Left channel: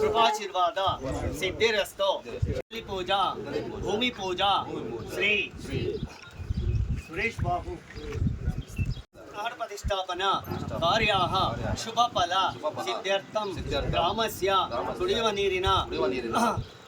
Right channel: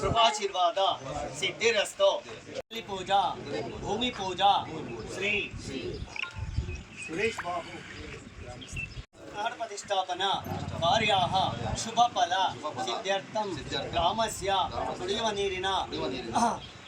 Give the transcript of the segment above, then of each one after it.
ಶುಭಾಶೀರ್ವಾದ. ಸಿದ್ಧಿರಸ್ತು. ಅಲ್ಲಿ ಪೂಜಾ. ಭೂಮಿ ಪೂಜಾ. ಶ್ರೀ. ಸುರೇಶ್ ಬಾಬು. ಪ್ರಾಣ ಪ್ರತಿಷ್ಠಾಪನಾ. ಕಾರ್ಯಾಹ. ಶುಭ ಫಲ. ಸಿದ್ಧಾರ್ಥಂ. ಗ್ರಾಮಸ್ಯ ಕುಡಿಯುವ ನೀರಿನ.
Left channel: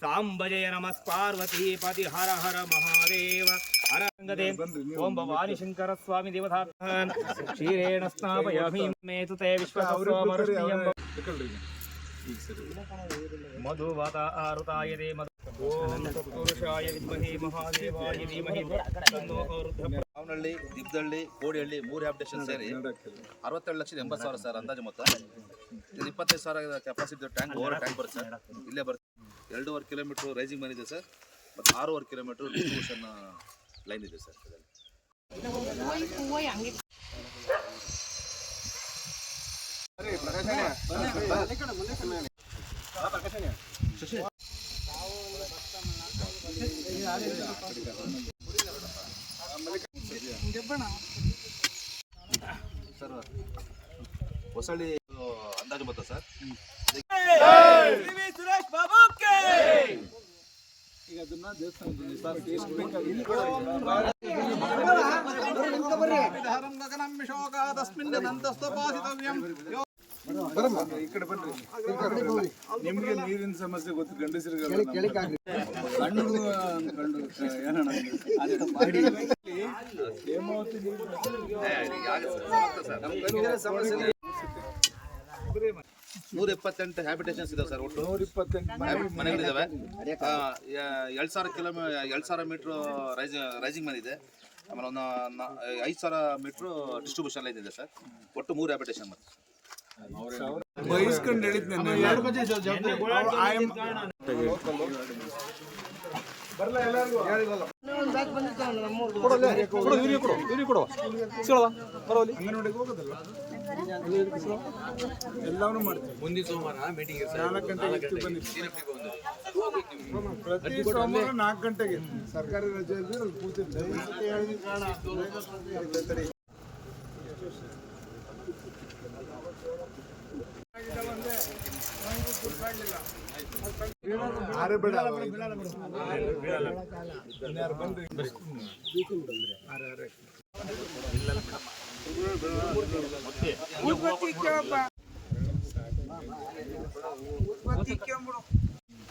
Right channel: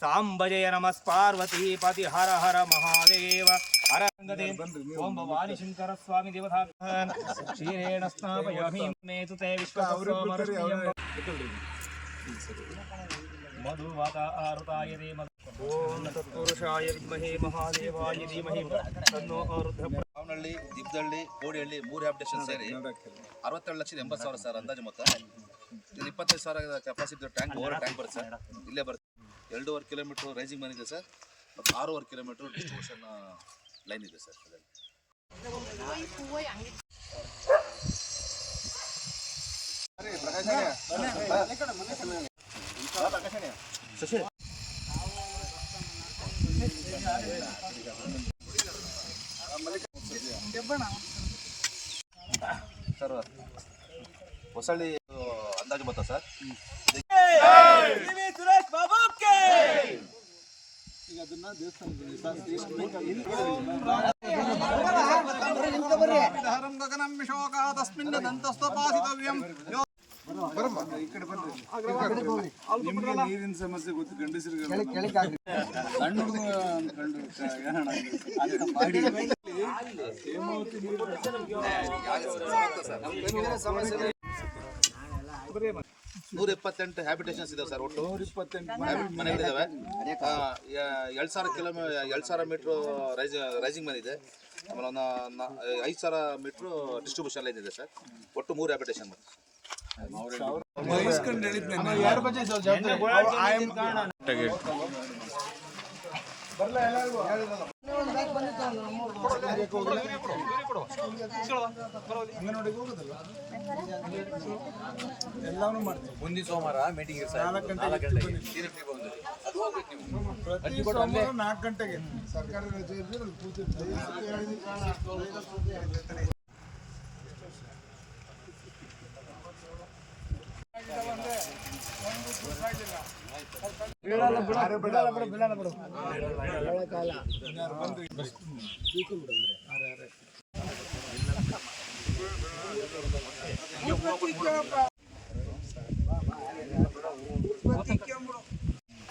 ಸಾಂಬಜಯ ನಮಸ್ಪಾರ್ವತಿ ಪತಿ ಹರ ಹರ ಮಹಾದೇವ. ಹರ ಗಂಗದೇ ಓಂ ಭವಾನಿ ಶಂಕರ ಸ್ವಾಮಿ ದೇವತಾ ಕ್ಷೀರೇಣ ಸ್ನಾಪಯಾಮಿ ಮೇತು ತೇ ಮಧುವತ ಆರುತಾಯದೆ ಮಧು ಓಂ ತತ್ಪುರುಷಾಯ ವಿದ್ಮಹೇ ಮಹಾದೇವಾಯ ಧೀಮಹಿ. ತನ್ನೋ ಅರುದ್ಧ ಮಾವನಹಳ್ಳಿ ದಿಬ್ದಹಳ್ಳಿ ಕೋಡಿಹಳ್ಳಿ ಮೂರು ಹ್ಯಾಬಿಟೇಷನ್ ಸೇರಿ ಅರವತ್ತೆರಡು ಲಕ್ಷದ ಎಂಬತ್ತು ಸಾವಿರ ಸರ್ ಅಂದಾಜು ಮೊತ್ತ. ಇದು ಇಪ್ಪತ್ತೈದು ಸಾವಿರ ಕೆಪಾಸಿಟಿ ಟ್ಯಾಂಕ್ ಓವರ್ ಟ್ಯಾಂಕ್ ಬರುತ್ತೆ ಸರ್. ಇಲ್ಲೇ ಬರುತ್ತೆ. ಎರಡೂವರೆ ಕಿಲೋಮೀಟ್ರ್ ರೈಸಿಂಗ್ ಮನೆ ಇದೆ ಸರ್. ಮತ್ತು ಆರೂವರೆ ಕಿಲೋಮೀಟ್ರ್ ಡಿಸ್ಟ್ರಿಬ್ಯೂಷನ್ ಲೈನ್ ಇದೆ ಸರ್ ಅದರಲ್ಲಿ. ಸರ್ ಹೊಸಳ್ಳಿ ಅಂದಾಜು ಮೊತ್ತ ಸರ್ ನಿಮ್ಗೆ ನೀರಿನ ಸಮಸ್ಯೆ ಗೊತ್ತು ಗಂಡಸರಿಗೆ ಸಣ್ಣ ಕಂಡು ಅನ್ಕೊಂಡು ಏನಣ್ಣ ಅಂತ ಮಾಡಿ ನೀರು ಇಪ್ಪತ್ತೆಂಟು ಹ್ಯಾಬಿಟೇಷನ್ಸ್ ಇದಾವೆ ಸರ್ ಒಟ್ಟು. ನೂರ ಇಪ್ಪತ್ತೆಂಟು ಮನೆಗಳಿದಾವೆ ಎರಡು ಸಾವಿರ ಕಿಲೋಮೀ ಎರಡು ಸಾವಿರ ಮೀಟ್ರು ರೈಸಿಂಗ್ ರೈಸಿಂಗ್ ಮನೆ ಇದೆ. ಆಮೇಲೆ ಒಂದು ನ- ಐದು ಸಾವಿರ ಮೀಟ್ರು ಡಿಸ್ಟ್ರಿಬ್ಯೂಷನ್ ಲೈನ್ ಇದೆ ಸರ್ ಒಟ್ಟು ಮೂರು ಹ್ಯಾಬಿಟೇಷನ್ ಮತ್ತೆ ಹೇಳಿದ್ ಬರ್ಲ ಎಲ್ಲರಿಗೂ? ಅಂಗನವಾಡಿಗೆ ಹೋಗೋದಲ್ಲ? ಎಲ್ಲವನ್ನೂ ಮಾಡ್ತೀವಿ. ಮುಂದಿನ ಸೋಮವಾರ ಮೀಟಿಂಗ್ ನಾಲ್ಕು ಗಂಟೆಗೆ ಬನ್ನಿ ಪ್ರತಿ ಸೋಮವಾರ ನಾಲ್ಕು ಗಂಟೆಗೆ. ಸರ್ಕಾರಿ ರಜೆ ಇದ್ರೆ ಅಲ್ಲಿ ಕೂತಿರ್ತೀವಿ.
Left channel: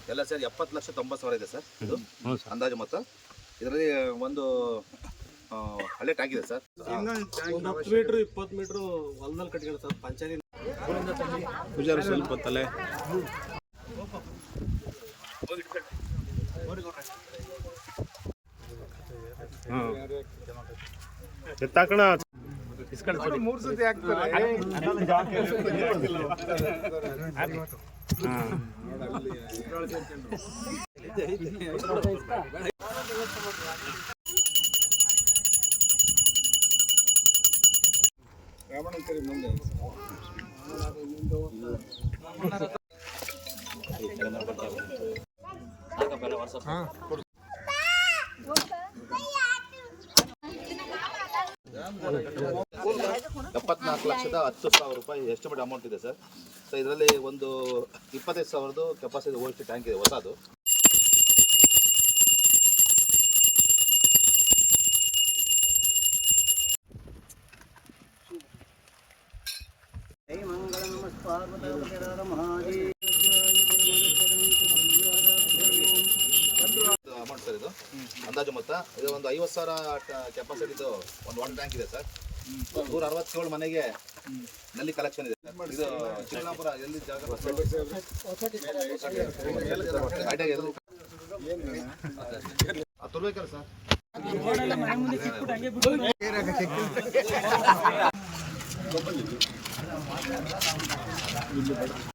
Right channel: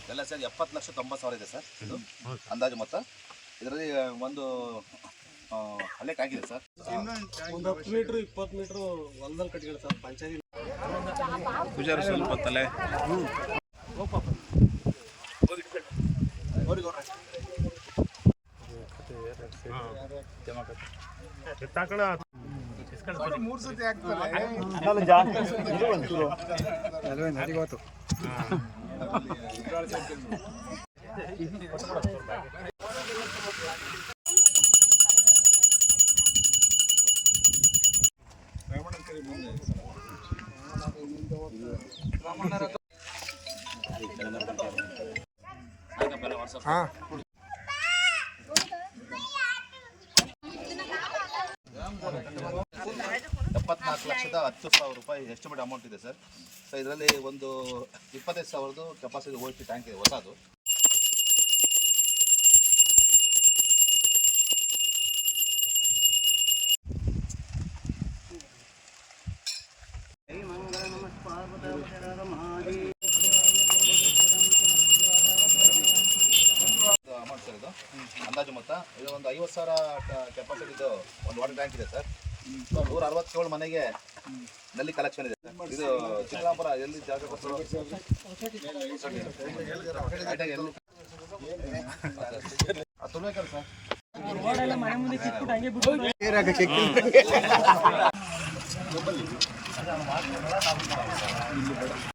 ಎಲ್ಲ ಸರ್ ಎಪ್ಪತ್ತು ಲಕ್ಷ ತೊಂಬತ್ತು ಸಾವಿರ ಇದೆ ಸರ್ ಇದು ಅಂದಾಜು ಮೊತ್ತ ಇದರಲ್ಲಿ ಒಂದು ಹಳೆ ಟ್ಯಾಂಕ್ ಇದೆ ಸರ್ ಒಂದು ಹತ್ತು ಮೀಟ್ರ್ ಇಪ್ಪತ್ತು ಮೀಟ್ರ್ ಹೊಲದಲ್ಲಿ ಕಟ್ಕೊಂಡು ಸರ್ ಪಂಚಾಯತಿ ಪೂಜಾರು ಸ್ವಲ್ಪ ತಲೆ ಎತ್ತಾಕಣ ಮೂರು ಸತಿ ಆಗ್ತಾರೆ ರಾಮಣ್ಣಂಕರಿ ಮುಂದೆ ಎಪ್ಪತ್ನಾಲ್ಕು ಲಕ್ಷದ ಹತ್ತು ಸಾವಿರ ರೂಪಾಯಿ ಎಸ್ಟಿಮೇಟ್ ಅಮೌಂಟ್ ಇದೆ ಸರ್. ಸೊ ಇದರಲ್ಲಿ ಒಂದು ಇಪ್ಪತ್ತೈದು ಸಾವಿರದ್ದು ಕೆಪಾಸಿಟಿ ಓ ಟ್ಯಾಂಕ್ ಇದೆ, ಹೊಸದು. ಅಮೌಂಟ್ ಸರ್ ಇದು. ಅಂದಾಜು ಮೊತ್ತ. ಇದು ಒಂದು ಐವತ್ತು ಸಾವಿರ ಕೆಪಾಸಿಟಿದು ಒಂದು ವಾಟರ್ ಟ್ಯಾಂಕ್ ಇದೆ ಸರ್. ನೂರ ಅರವತ್ತೇಳು ಮನೆಗೆ ನಲ್ಲಿ ಕಲೆಕ್ಷನ್ ಇದೆ. ಇದು ಚಿಕ್ಕಬಳ್ಳಾಪುರ ಎಲ್ಲಿ ಜಾಗ ಅದು ಸರ್.